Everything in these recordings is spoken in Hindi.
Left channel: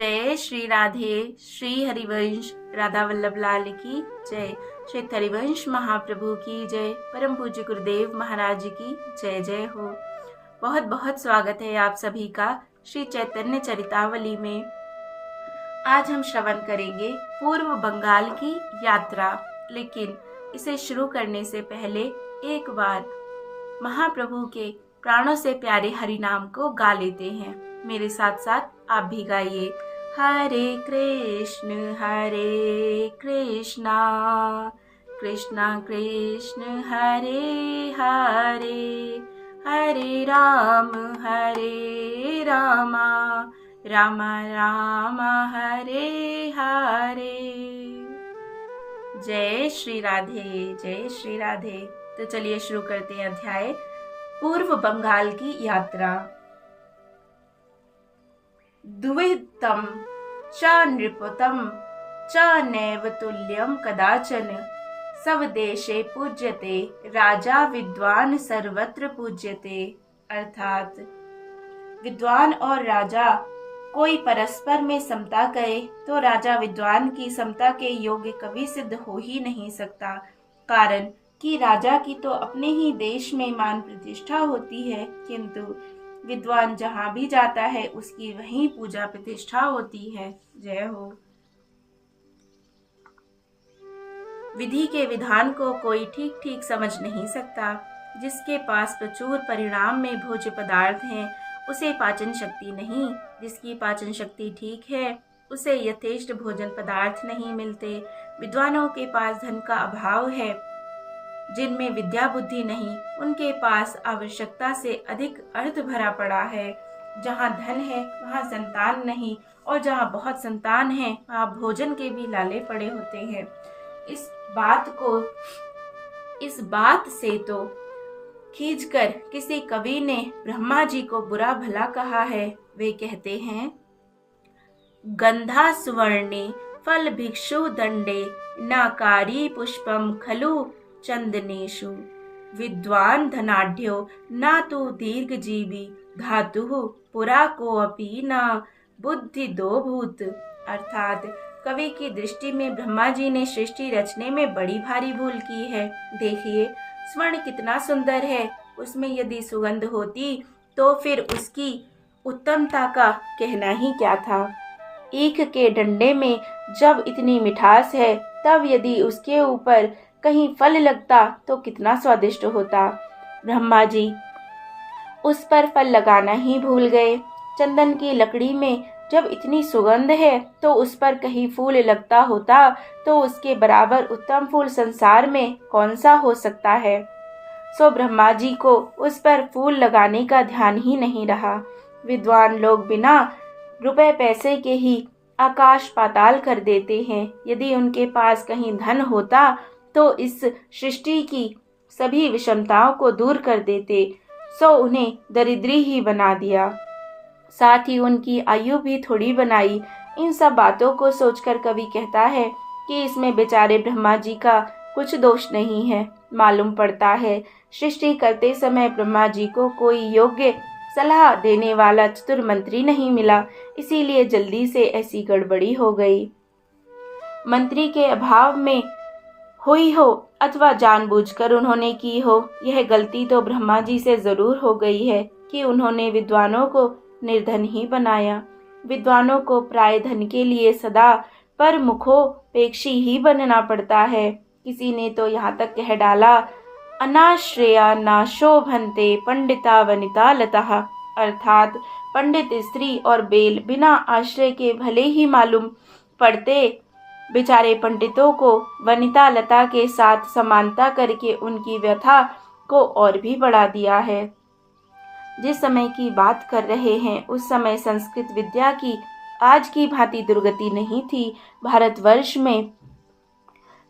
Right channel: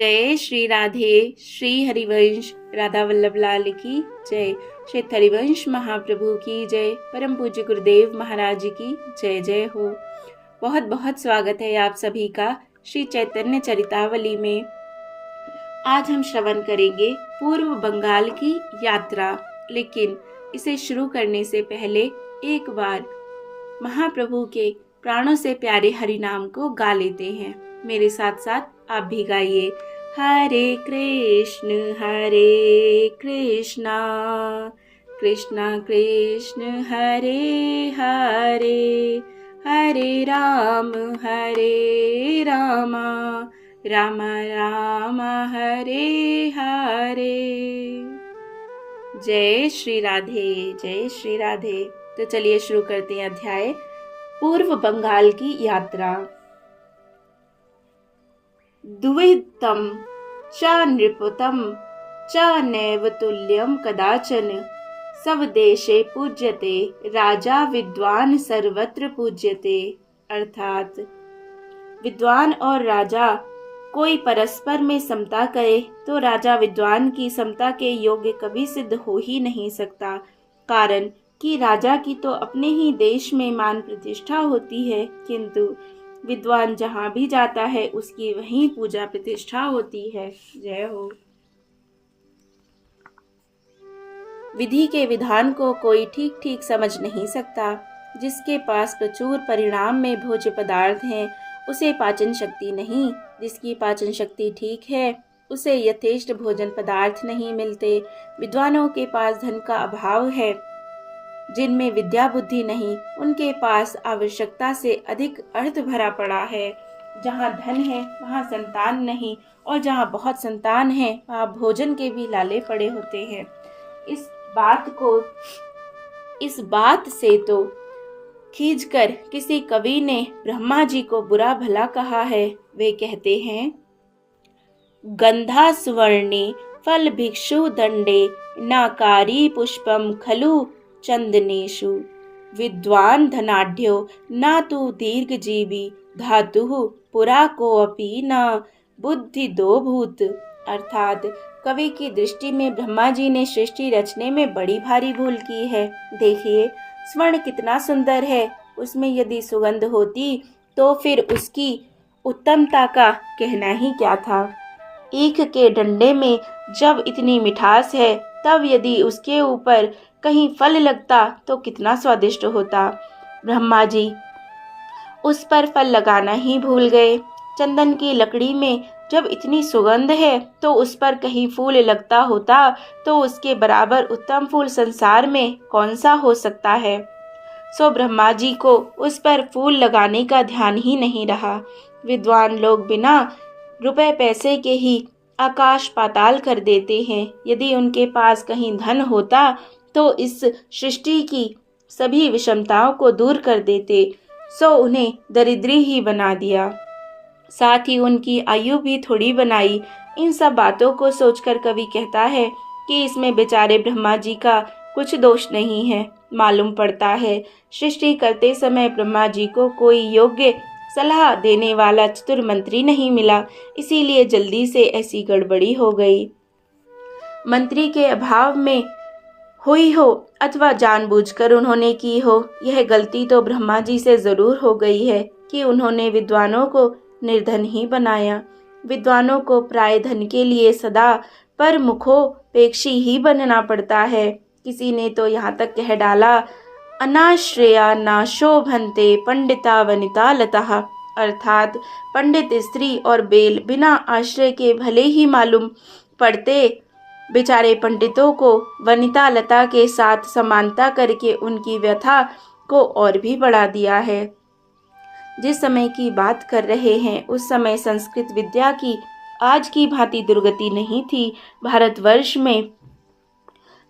जय श्री राधे। श्री हरिवंश राधा वल्लभ लाल की जय। श्री हरिवंश महाप्रभु की जय। परम पूज्य गुरुदेव महाराज की जय जय हो। बहुत बहुत स्वागत है आप सभी का श्री चैतन्य चरितावली में। आज हम श्रवण करेंगे पूर्व बंगाल की यात्रा, लेकिन इसे शुरू करने से पहले एक बार महाप्रभु के प्राणों से प्यारे हरि नाम को गा लेते हैं। मेरे साथ साथ आप भी गाइए। हरे कृष्ण कृष्ण कृष्ण हरे हरे, हरे राम राम राम हरे हरे। जय श्री राधे, जय श्री राधे। तो चलिए शुरू करते हैं अध्याय पूर्व बंगाल की यात्रा। द्वितम च नृपतम च नैव तुल्यम कदाचन, स्वदेशे पूज्यते राजा विद्वान सर्वत्र पूज्यते। अर्थात विद्वान और राजा कोई परस्पर में समता करे तो राजा विद्वान की समता के योग्य कभी सिद्ध हो ही नहीं सकता। कारण कि राजा की तो अपने ही देश में मान प्रतिष्ठा होती है, किंतु विद्वान जहाँ भी जाता है उसकी वहीं पूजा प्रतिष्ठा होती है। जय हो। विधि के विधान को कोई ठीक ठीक समझ नहीं सकता। जिसके पास प्रचुर परिणाम में भोज्य पदार्थ हैं, उसे पाचन शक्ति नहीं। जिसकी पाचन शक्ति ठीक है, उसे यथेष्ट भोजन पदार्थ नहीं मिलते। विद्वानों के पास धन का अभाव है, जिनमें विद्या बुद्धि नहीं, उनके पास आवश्यकता से अधिक अर्थ भरा पड़ा है। जहाँ धन है वहाँ संतान नहीं, और जहाँ बहुत संतान है वहाँ भोजन के भी लाले पड़े होते हैं। इस बात से तो खींचकर किसी कवि ने ब्रह्मा जी को बुरा भला कहा है। वे कहते हैं, गंधा सुवर्णे फल भिक्षु दंडे, नाकारी पुष्पम खलु चंदनेशु, विद्वान धनाढ्यो न तु दीर्घजीवी, धातु पुरा को अपि न बुद्धि दो भूत। अर्थात कवि की दृष्टि में ब्रह्मा जी ने सृष्टि रचने में बड़ी भारी भूल की है। देखिए, स्वर्ण कितना सुंदर है, उसमें यदि सुगंध होती तो फिर उसकी उत्तमता का कहना ही क्या था। ईख के डंडे में जब इतनी मिठास है, तब यदि उसके ऊपर कहीं फल लगता तो कितना स्वादिष्ट होता। ब्रह्मा जी उस पर फल लगाना ही भूल गए। चंदन की लकड़ी में जब इतनी सुगंध है तो उस पर कहीं फूल लगता होता तो उसके बराबर उत्तम फूल संसार में कौन सा हो सकता है। सो ब्रह्मा जी को उस पर फूल लगाने का ध्यान ही नहीं रहा। विद्वान लोग बिना रुपए पैसे के ही आकाश पाताल कर देते हैं। यदि उनके पास कहीं धन होता तो इस सृष्टि की सभी विषमताओं को दूर कर देते, सो उन्हें दरिद्री ही बना दिया, साथ ही उनकी आयु भी थोड़ी बनाई। इन सब बातों को सोचकर कवि कहता है कि इसमें बेचारे ब्रह्मा जी का कुछ दोष नहीं है। मालूम पड़ता है सृष्टि करते समय ब्रह्मा जी को कोई योग्य सलाह देने वाला चतुर मंत्री नहीं मिला, इसीलिए जल्दी से ऐसी गड़बड़ी हो गई। मंत्री के अभाव में हुई हो अथवा जानबूझकर उन्होंने की हो, यह गलती तो ब्रह्मा जी से जरूर हो गई है कि उन्होंने विद्वानों को निर्धन ही बनाया। विद्वानों को प्राय धन के लिए सदा पर मुखोपेक्षी ही बनना पड़ता है। किसी ने तो यहाँ तक कह डाला, अनाश्रया ना शोभन्ते पंडिता वनिता लताः। अर्थात पंडित स्त्री और बेल बिना आश्रय के भले ही मालूम पड़ते, बेचारे पंडितों को वनिता लता के साथ समानता करके उनकी व्यथा को और भी बढ़ा दिया है। जिस समय की बात कर रहे हैं उस समय संस्कृत विद्या की आज की भांति दुर्गति नहीं थी। भारतवर्ष में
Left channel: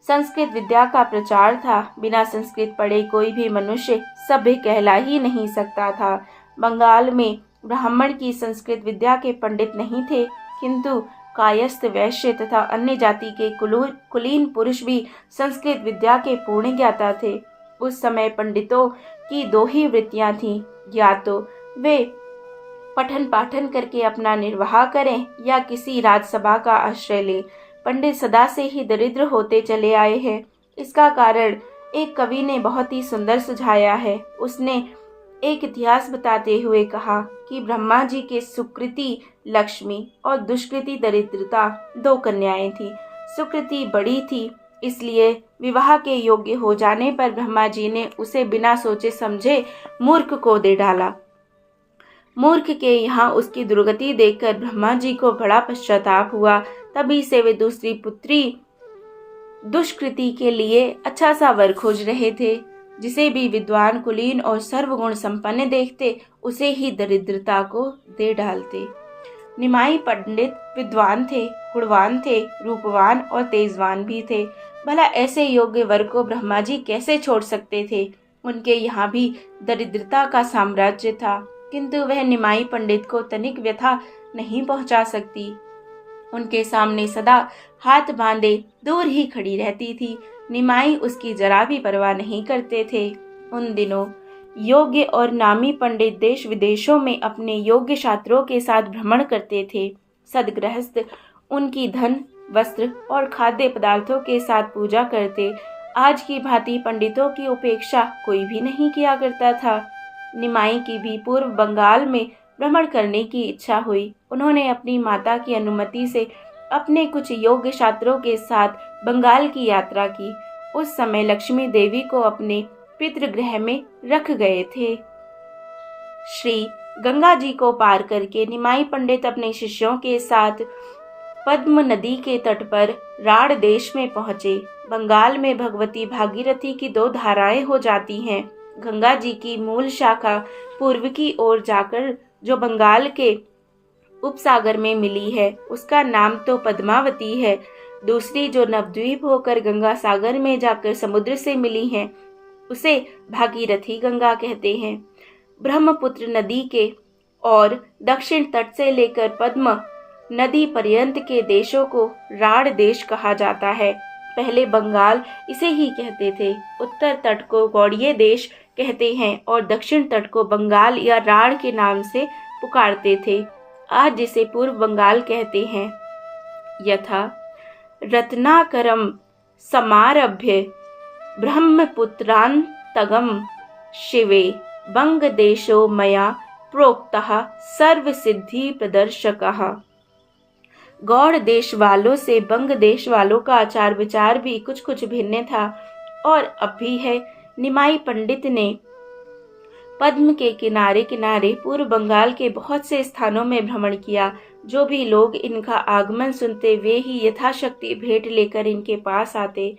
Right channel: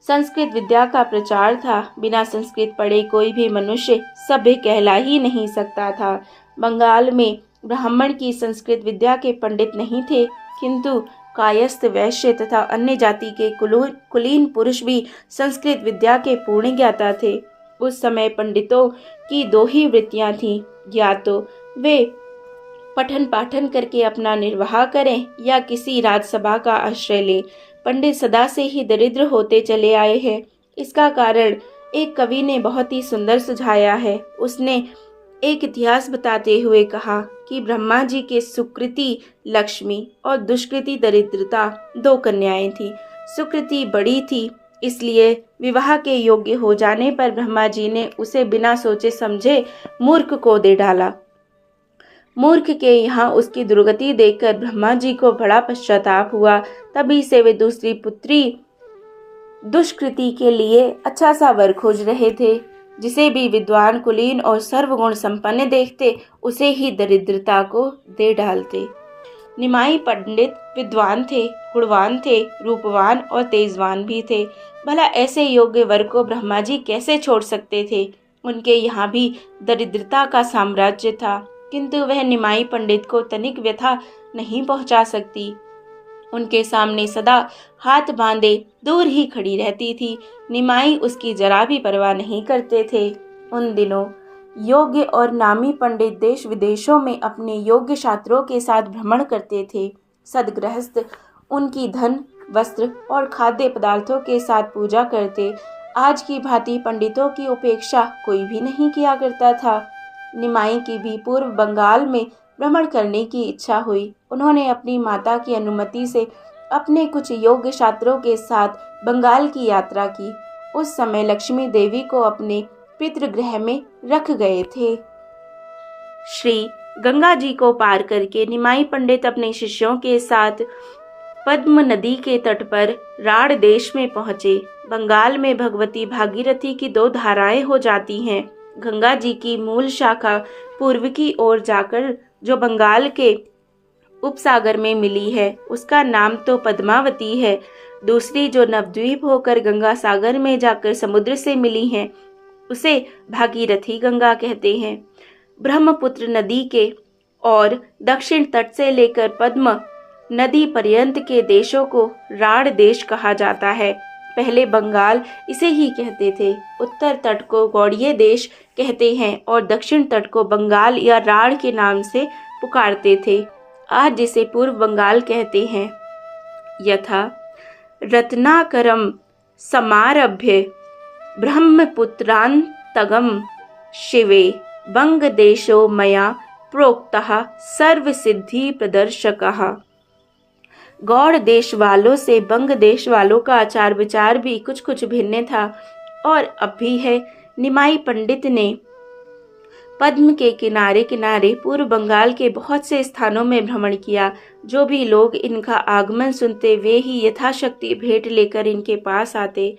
संस्कृत विद्या का प्रचार था। बिना संस्कृत पढ़े कोई भी मनुष्य सभ्य कहला ही नहीं सकता था। बंगाल में ब्राह्मण की संस्कृत विद्या के पंडित नहीं थे, किंतु कायस्थ वैश्य तथा अन्य जाति के कुलीन पुरुष भी संस्कृत विद्या के पूर्ण ज्ञाता थे। उस समय पंडितों की दो ही वृत्तियां थीं, या तो वे पठन पाठन करके अपना निर्वाह करें या किसी राजसभा का आश्रय लें। पंडित सदा से ही दरिद्र होते चले आए हैं। इसका कारण एक कवि ने बहुत ही सुंदर सुझाया है। उसने एक इतिहास बताते हुए कहा कि ब्रह्मा जी के सुकृति लक्ष्मी और दुष्कृति दरिद्रता 2 कन्याएं थी। सुकृति बड़ी थी, इसलिए विवाह के योग्य हो जाने पर ब्रह्मा जी ने उसे बिना सोचे समझे मूर्ख को दे डाला। मूर्ख के यहाँ उसकी दुर्गति देखकर ब्रह्मा जी को बड़ा पश्चाताप हुआ। तभी से वे दूसरी पुत्री दुष्कृति के लिए अच्छा सा वर खोज रहे थे। जिसे भी विद्वान, कुलीन और सर्वगुण संपन्न देखते उसे ही दरिद्रता को दे डालते। निमाई पंडित विद्वान थे, गुणवान थे, रूपवान और तेजवान भी थे। भला ऐसे योग्य वर को ब्रह्मा जी कैसे छोड़ सकते थे। उनके यहाँ भी दरिद्रता का साम्राज्य था, किंतु वह निमाई पंडित को तनिक व्यथा नहीं पहुंचा सकती। उनके सामने सदा हाथ बांधे दूर ही खड़ी रहती थी। निमाई उसकी जरा भी परवाह नहीं करते थे। उन दिनों योग्य और नामी पंडित देश विदेशों में अपने योग्य छात्रों के साथ भ्रमण करते थे। सदगृहस्थ उनकी धन, वस्त्र और खाद्य पदार्थों के साथ पूजा करते। आज की भांति पंडितों की उपेक्षा कोई भी नहीं किया करता था। निमाई की भी पूर्व बंगाल में भ्रमण करने की इच्छा हुई। उन्होंने अपनी माता की अनुमति से अपने कुछ योग्य छात्रों के साथ बंगाल की यात्रा की। उस समय लक्ष्मी देवी को अपने पितृगृह में रख गए थे। श्री गंगा जी को पार करके निमाई पंडित अपने शिष्यों के साथ पद्म नदी के तट पर राढ़ देश में पहुंचे। बंगाल में भगवती भागीरथी की 2 धाराएं हो जाती हैं। गंगा जी की मूल शाखा पूर्व की ओर जाकर जो बंगाल के उपसागर में मिली है उसका नाम तो पद्मावती है। दूसरी जो नवद्वीप होकर गंगा सागर में जाकर समुद्र से मिली है उसे भागीरथी गंगा कहते हैं। ब्रह्मपुत्र नदी के और दक्षिण तट से लेकर पद्म नदी पर्यंत के देशों को राढ़ देश कहा जाता है। पहले बंगाल इसे ही कहते थे। उत्तर तट को गौड़ीय देश कहते हैं और दक्षिण तट को बंगाल या राढ़ के नाम से पुकारते थे। आज जिसे पूर्व बंगाल कहते हैं। यथा रत्नाकरम समारभ्य ब्रह्मपुत्रान्तगम शिवे बंग देशो मया प्रोक्तः सर्व सिद्धि प्रदर्शकः। गौड़ देश वालों से बंग देश वालों का आचार विचार भी कुछ कुछ भिन्न था और अब भी है। निमाई पंडित ने पद्म के किनारे किनारे पूर्व बंगाल के बहुत से स्थानों में भ्रमण किया। जो भी लोग इनका आगमन सुनते वे ही यथाशक्ति भेंट लेकर इनके पास आते।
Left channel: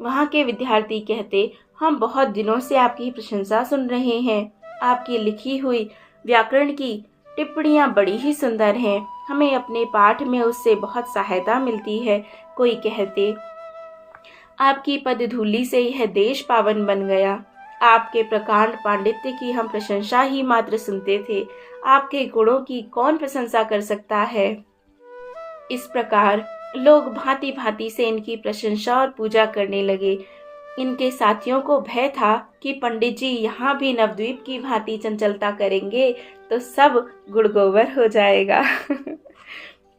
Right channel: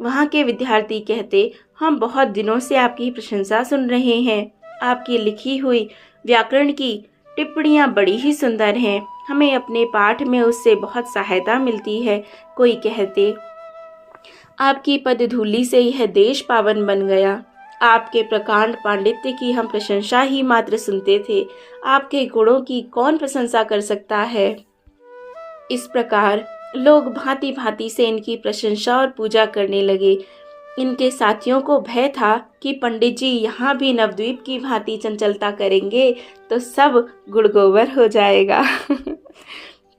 वहाँ के विद्यार्थी कहते, हम बहुत दिनों से आपकी प्रशंसा सुन रहे हैं। आपकी लिखी हुई व्याकरण की टिप्पणियाँ बड़ी ही सुंदर हैं। हमें अपने पाठ में उससे बहुत सहायता मिलती है। कोई कहते, आपकी पदधूलि से यह देश पावन बन गया। आपके प्रकांड पांडित्य की हम प्रशंसा ही मात्र सुनते थे। आपके गुणों की कौन प्रशंसा कर सकता है। इस प्रकार लोग भांति भांति से इनकी प्रशंसा और पूजा करने लगे। इनके साथियों को भय था कि पंडित जी यहाँ भी नवद्वीप की भांति चंचलता करेंगे तो सब गुड़गोबर हो जाएगा।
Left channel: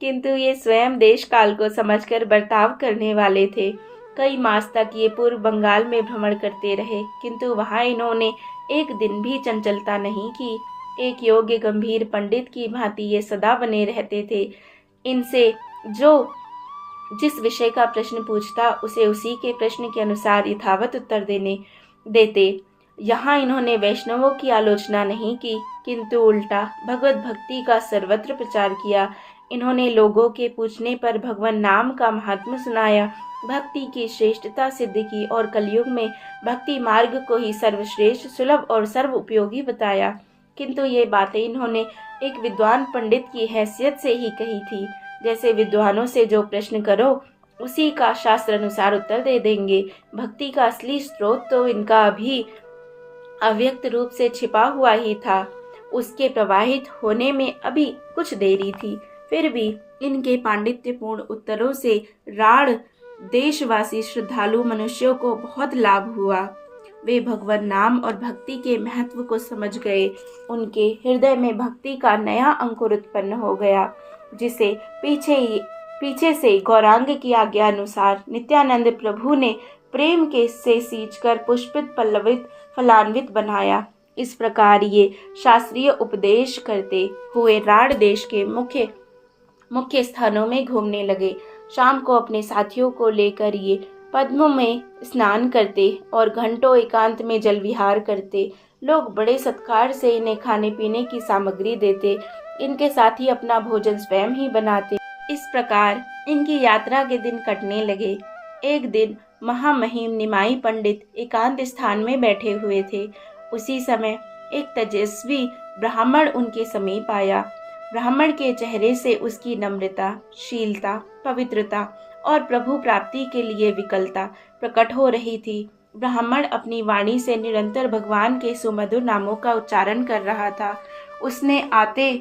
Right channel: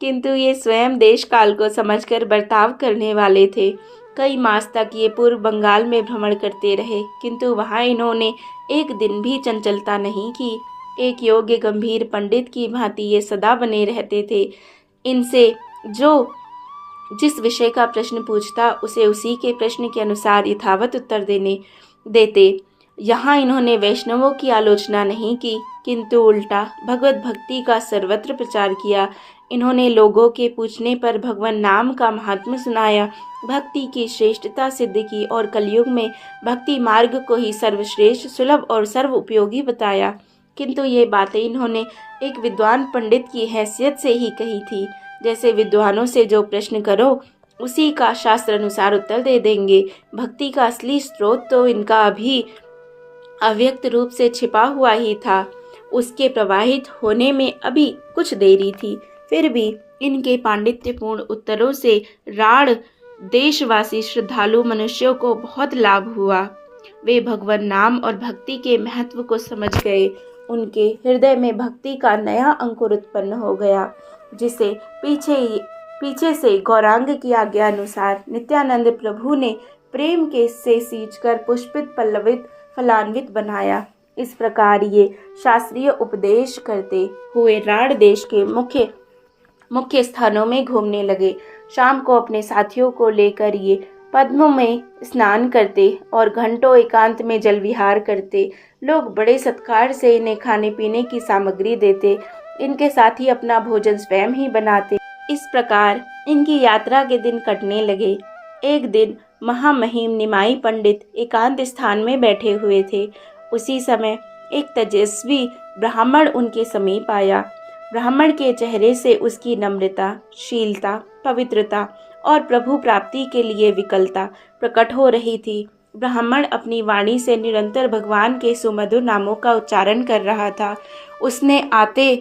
किंतु ये स्वयं देश काल को समझकर बर्ताव करने वाले थे। कई मास तक ये पूर्व बंगाल में भ्रमण करते रहे, किंतु वहाँ इन्होंने एक दिन भी चंचलता नहीं की। एक योग्य गंभीर पंडित की भांति ये सदा बने रहते थे। इनसे जो जिस विषय का प्रश्न पूछता उसे उसी के प्रश्न के अनुसार यथावत उत्तर देते। यहाँ इन्होंने वैष्णवों की आलोचना नहीं की, किंतु उल्टा भगवत भक्ति का सर्वत्र प्रचार किया। इन्होंने लोगों के पूछने पर भगवान नाम का महात्म्य सुनाया, भक्ति की श्रेष्ठता सिद्ध की और कलयुग में भक्ति मार्ग को ही सर्वश्रेष्ठ, सुलभ और सर्व उपयोगी बताया। किंतु ये बातें इन्होंने एक विद्वान पंडित की हैसियत से ही कही थी। जैसे विद्वानों से जो प्रश्न करो उसी का शास्त्र अनुसार उत्तर दे देंगे। भक्ति का असली स्रोत तो इनका अभी अव्यक्त रूप से छिपा हुआ ही था। उसके प्रवाहित होने में अभी कुछ देरी थी। फिर भी इनके पांडित्यपूर्ण उत्तरों से राढ़ देशवासी श्रद्धालु मनुष्यों को बहुत लाभ हुआ। वे भगवान नाम और भक्ति के महत्व को समझ गए। उनके हृदय में भक्ति का नया अंकुर उत्पन्न हो गया, जिसे पीछे से गौरांग की आज्ञा अनुसार नित्यानंद प्रभु ने प्रेम के से सींचकर पुष्पित पल्लवित फलान्वित बनाया। इस प्रकार ये शास्त्रीय उपदेश करते हुए राढ़ देश के मुख्य स्थानों में घूमने लगे। शाम को अपने साथियों को लेकर ये पद्मों में स्नान करते और घंटों एकांत में जल विहार करते। लोग बड़े सत्कार से इन्हें खाने पीने की सामग्री देते। इनके साथ ही अपना भोजन स्वयं ही बनाते। इस प्रकार इनकी यात्रा के दिन कटने लगे। एक दिन महामहिम निमाई पंडित एकांत स्थान में बैठे हुए थे। उसी समय एक तेजस्वी ब्राह्मण उनके समीप आया। ब्राह्मण के चेहरे से उसकी नम्रता, शीलता, पवित्रता और प्रभु प्राप्ति के लिए विकलता प्रकट हो रही थी। ब्राह्मण अपनी वाणी से निरंतर भगवान के सुमधुर नामों का उच्चारण कर रहा था। उसने आते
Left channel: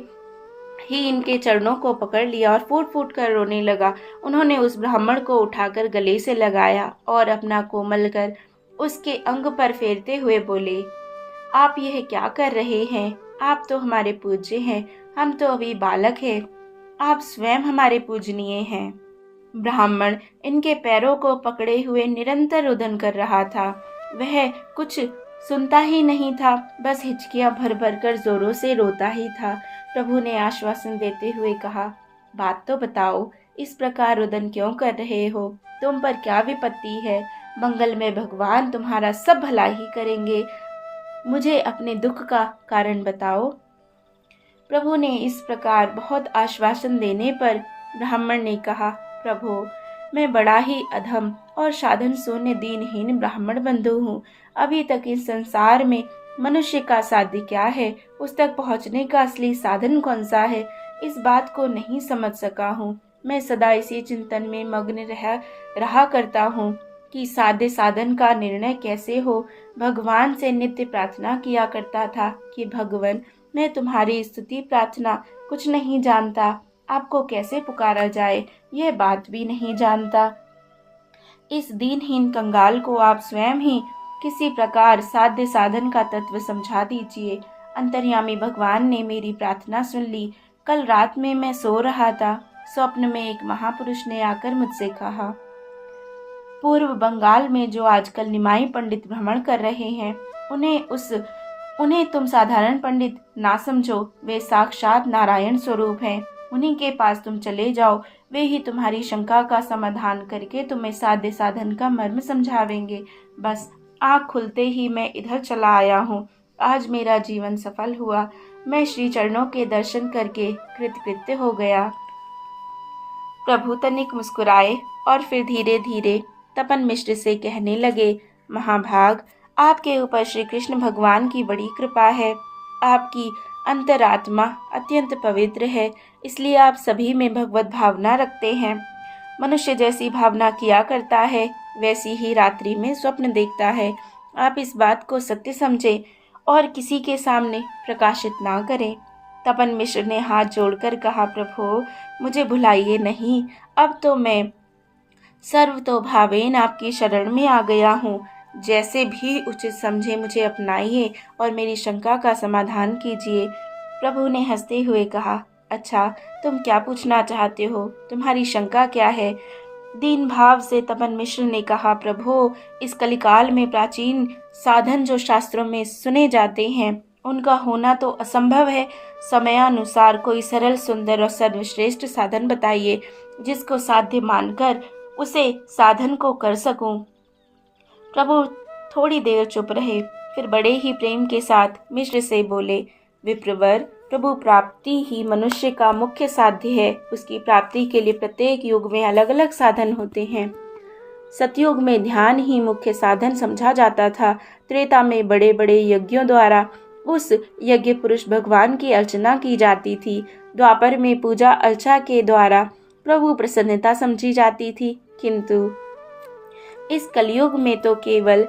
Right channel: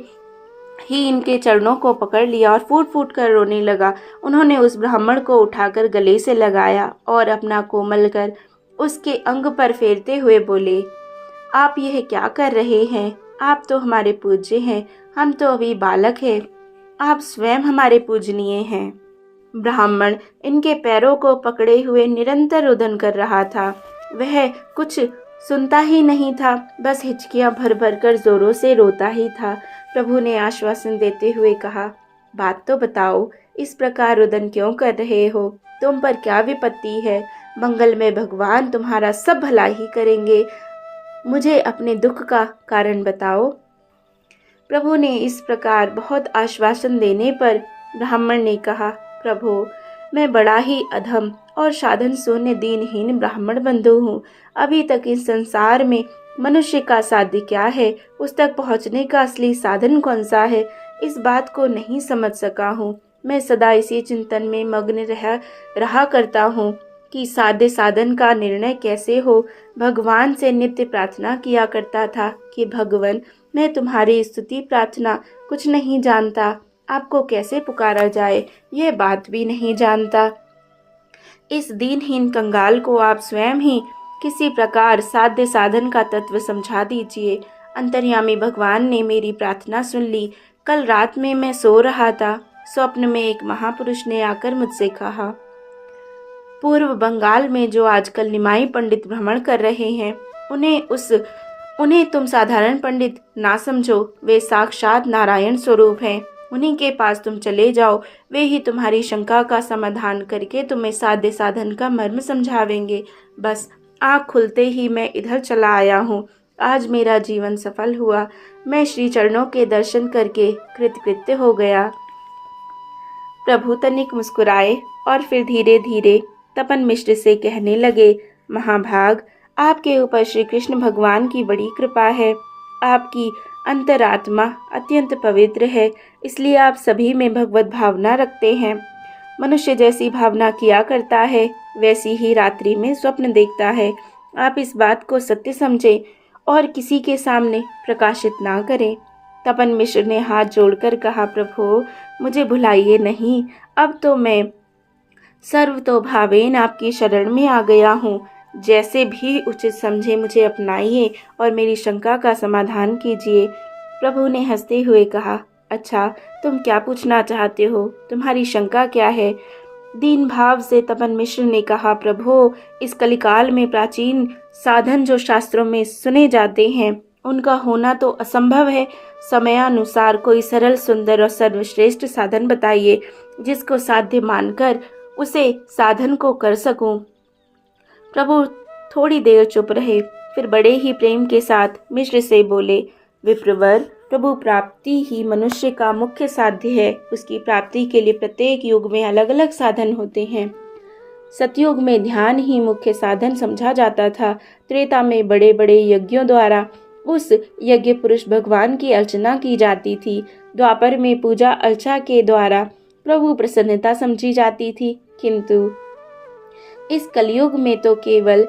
ही इनके चरणों को पकड़ लिया और फूट फूट कर रोने लगा। उन्होंने उस ब्राह्मण को उठाकर गले से लगाया और अपना कोमल कर उसके अंग पर फेरते हुए बोले, आप यह क्या कर रहे हैं? आप तो हमारे पूज्य हैं, हम तो अभी बालक हैं। आप स्वयं हमारे पूजनीय हैं। ब्राह्मण इनके पैरों को पकड़े हुए निरंतर रुदन कर रहा था। वह कुछ सुनता ही नहीं था, बस हिचकियां भर भर कर जोरों से रोता ही था। प्रभु ने आश्वासन देते हुए कहा, बात तो बताओ, इस प्रकार रुदन क्यों कर रहे हो? तुम पर क्या विपत्ति है? मंगल में भगवान तुम्हारा सब भला ही करेंगे। मुझे अपने दुख का कारण बताओ। प्रभु ने इस प्रकार बहुत आश्वासन देने पर ब्राह्मण ने कहा, प्रभु, मैं बड़ा ही अधम और साधन शून्य दीनहीन ब्राह्मण बंधु हूँ। अभी तक इस संसार में मनुष्य का साध्य क्या है, उस तक पहुँचने का असली साधन कौन सा है, इस बात को नहीं समझ सका हूँ। मैं सदा इसी चिंतन में मग्न रहा करता हूँ कि साध्य साधन का निर्णय कैसे हो। भगवान से नित्य प्रार्थना किया करता था कि भगवान, मैं तुम्हारी स्तुति प्रार्थना कुछ नहीं जानता, आपको कैसे पुकारा जाए यह बात भी नहीं जानता। इस दीनहीन कंगाल को आप स्वयं ही किसी प्रकार साध्य साधन का तत्व समझा दीजिए। अंतर्यामी भगवान ने मेरी प्रार्थना सुन ली। कल रात में मैं सो रहा था, स्वप्न में एक महापुरुष ने आकर मुझसे कहा, पूर्व बंगाल में जो आजकल निमाई पंडित भ्रमण कर रहे हैं, उन्हें तुम साधारण पंडित ना समझो। वे साक्षात नारायण स्वरूप हैं। उन्हीं के पास तुम चले जाओ, वे ही तुम्हारी शंका का समाधान करके तुम्हें साध्य साधन का मर्म समझावेंगे। बस आँख खुलते ही मैं इधर चला आया हूँ। आज मेरा जीवन सफल हुआ। मैं श्री चरणों के दर्शन करके कृतकृत्य हो गया। प्रभु तनिक मुस्कुराए और फिर धीरे धीरे तपन मिश्र से कहने लगे, महाभाग, आपके ऊपर श्री कृष्ण भगवान की बड़ी कृपा है। आपकी अंतरात्मा अत्यंत पवित्र है, इसलिए आप सभी में भगवत भावना रखते हैं। मनुष्य जैसी भावना किया करता है, वैसी ही रात्रि में स्वप्न देखता है। आप इस बात को सत्य समझें और किसी के सामने प्रकाशित ना करें। तपन मिश्र ने हाथ जोड़कर कहा, प्रभु, मुझे भुलाइए नहीं। अब तो मैं सर्वतोभावेन आपकी शरण में आ गया हूँ। जैसे भी उचित समझे मुझे अपनाइए और मेरी शंका का समाधान कीजिए। प्रभु ने हंसते हुए कहा, अच्छा, तुम क्या पूछना चाहते हो? तुम्हारी शंका क्या है? दीन भाव से तपन मिश्र ने कहा, प्रभु, इस कलिकाल में प्राचीन साधन जो शास्त्रों में सुने जाते हैं, उनका होना तो असंभव है। समयानुसार कोई सरल, सुंदर और सर्वश्रेष्ठ साधन बताइए, जिसको साध्य मानकर उसे साधन को कर सकूं। प्रभु थोड़ी देर चुप रहे, फिर बड़े ही प्रेम के साथ मिश्र से बोले, विप्रवर, प्रभु प्राप्ति ही मनुष्य का मुख्य साध्य है। उसकी प्राप्ति के लिए प्रत्येक युग में अलग अलग साधन होते हैं। सतयुग में ध्यान ही मुख्य साधन समझा जाता था। त्रेता में बड़े बड़े यज्ञों द्वारा उस यज्ञ पुरुष भगवान की अर्चना की जाती थी। द्वापर में पूजा अर्चा के द्वारा प्रभु प्रसन्नता समझी जाती थी, किंतु इस कलयुग में तो केवल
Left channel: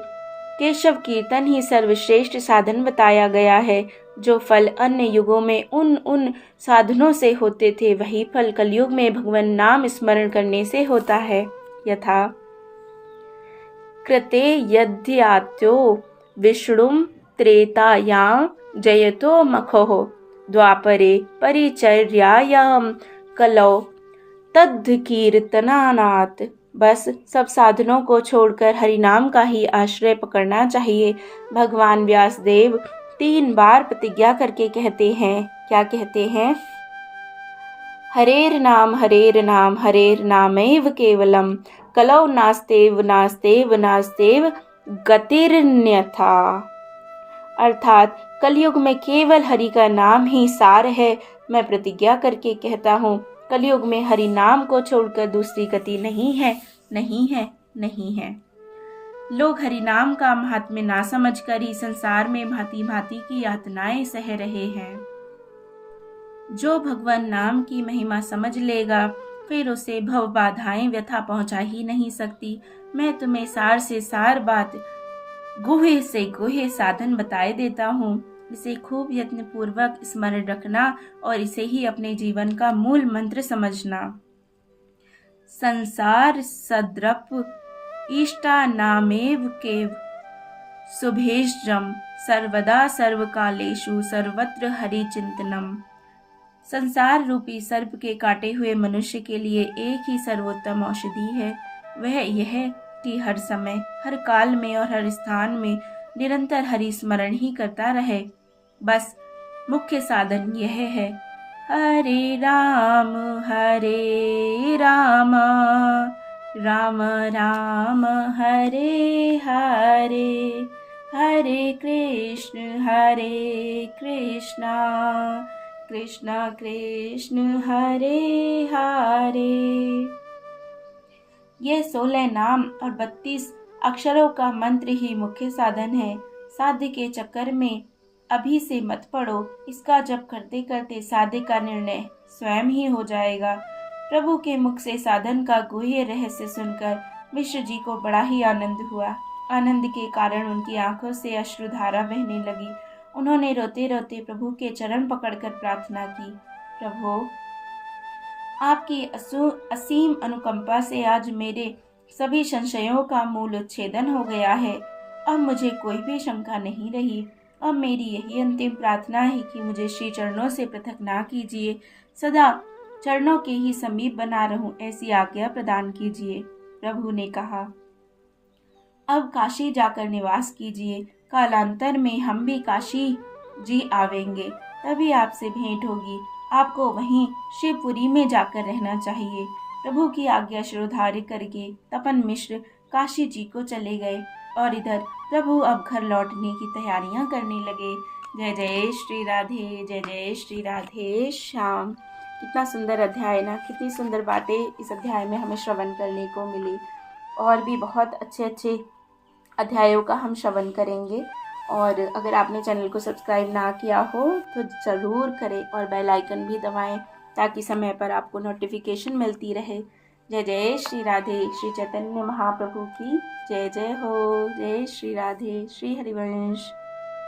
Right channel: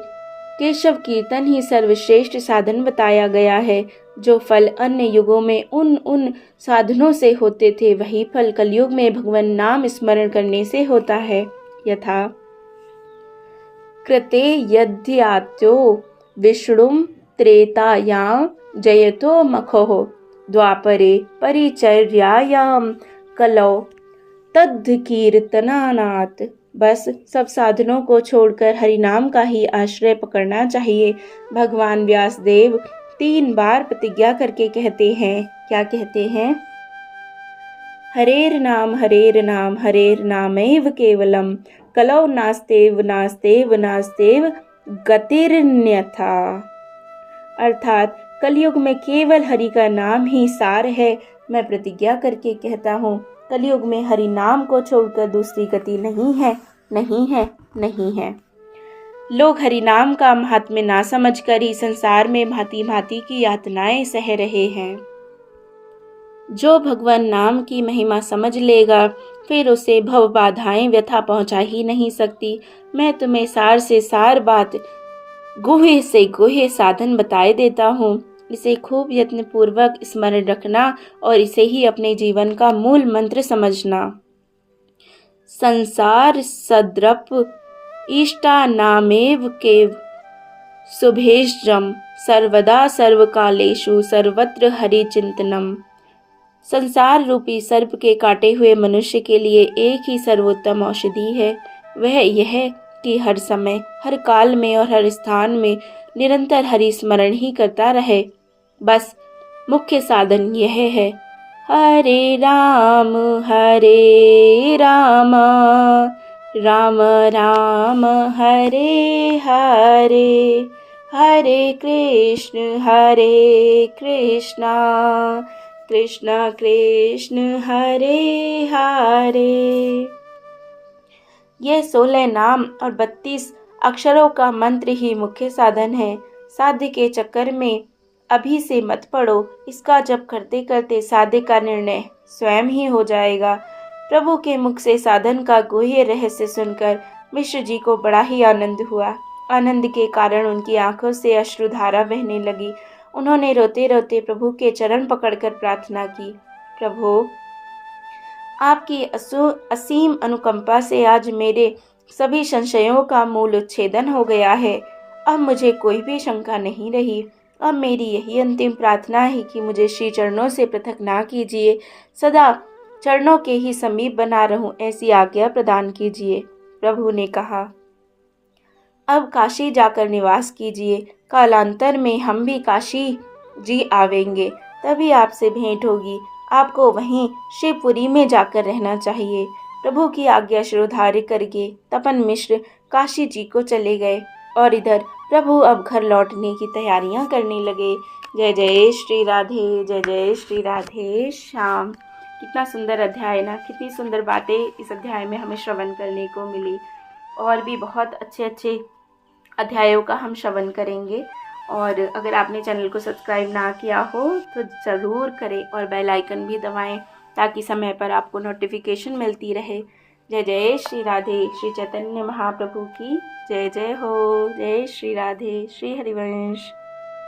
केशव कीर्तन ही सर्वश्रेष्ठ साधन बताया गया है। जो फल अन्य युगों में उन साधनों से होते थे, वही फल कलयुग में भगवान नाम स्मरण करने से होता है। यथा कृते यद्यात्यो विष्णुं त्रेतायां जयतो मखोः द्वापरे परिचर्यायां कलौ तद्कीर्तनानात्। बस सब साधनों को छोड़कर हरिनाम का ही आश्रय पकड़ना चाहिए। भगवान व्यासदेव 3 बार प्रतिज्ञा करके कहते हैं, क्या कहते हैं? हरेर नाम हरेर नामैव केवलम कलौ नास्तेव नास्तेव नास्तेव गतिरन्यथा। अर्थात कलयुग में केवल हरि का नाम ही सार है। मैं प्रतिज्ञा करके कहता हूँ, कलयुग में हरि नाम को छोड़कर दूसरी गति नहीं है, नहीं है, नहीं है। लोग हरि नाम का महात्म्य ना समझकर ही संसार में भांति भांति की यातनाएं सह रहे हैं। जो भगवान नाम की महिमा समझ लेगा, फिर उसे भव बाधाएं व्यथा पहुंचा ही नहीं सकती। मैं तुम्हें सार से सार बात, गुह्य से गुह्य साधन बताए देता हूँ। इसे खूब यत्न पूर्वक स्मरण रखना और इसे ही अपने जीवन का मूल मंत्र समझना। संसार सद्रप इष्टानामेव केव शुभेश्रम सर्वदा सर्वकालेषु सर्वत्र हरि चिंतनम। संसार रूपी सर्प के काटे हुए मनुष्य के लिए एक ही सर्वोत्तम औषधि है, वह यह कि हर समय, हर काल में और हर स्थान में निरंतर हरि स्मरण ही करता रहे। बस मुख्य साधन यह है, हरे राम राम राम हरे हरे, हरे कृष्ण कृष्ण कृष्ण हरे हरे। ये 16 नाम और 32 अक्षरों का मंत्र ही मुख्य साधन है। साध्य के चक्कर में अभी से मत पड़ो। इसका जप करते करते साध्य का निर्णय स्वयं ही हो जाएगा। प्रभु के मुख से साधन का गुह्य रहस्य सुनकर मिश्र जी को बड़ा ही आनंद हुआ। आनंद के कारण उनकी आंखों से अश्रुधारा बहने लगी। उन्होंने रोते रोते प्रभु के चरण पकड़कर प्रार्थना की, प्रभु आपकी असीम अनुकंपा से आज मेरे सभी संशयों का मूल उच्छेदन हो गया है। अब मुझे कोई भी शंका नहीं रही। अब मेरी यही अंतिम प्रार्थना है कि मुझे श्री चरणों से पृथक ना कीजिए, सदा चरणों के ही समीप बना रहूं, ऐसी आज्ञा प्रदान कीजिए। प्रभु ने कहा, अब काशी जाकर निवास कीजिए। कालांतर में हम भी काशी जी आवेंगे, तभी आपसे भेंट होगी। आपको वहीं शिवपुरी में जाकर रहना चाहिए। प्रभु की आज्ञा शिरोधार्य करके तपन मिश्र काशी जी को चले गए और इधर प्रभु अब घर लौटने की तैयारियां करने लगे। जय जय श्री राधे, जय जय श्री राधे श्याम। कितना सुंदर अध्याय ना, कितनी सुंदर बातें इस अध्याय में हमें श्रवण करने को मिली। और भी बहुत अच्छे अच्छे अध्यायों का हम श्रवण करेंगे। और अगर आपने चैनल को सब्सक्राइब ना किया हो तो ज़रूर करें और बेल आइकन भी दबाएं ताकि समय पर आपको नोटिफिकेशन मिलती रहे। जय जय श्री राधे। श्री चैतन्य महाप्रभु की जय जय हो। जय श्री राधे। श्री हरिवंश।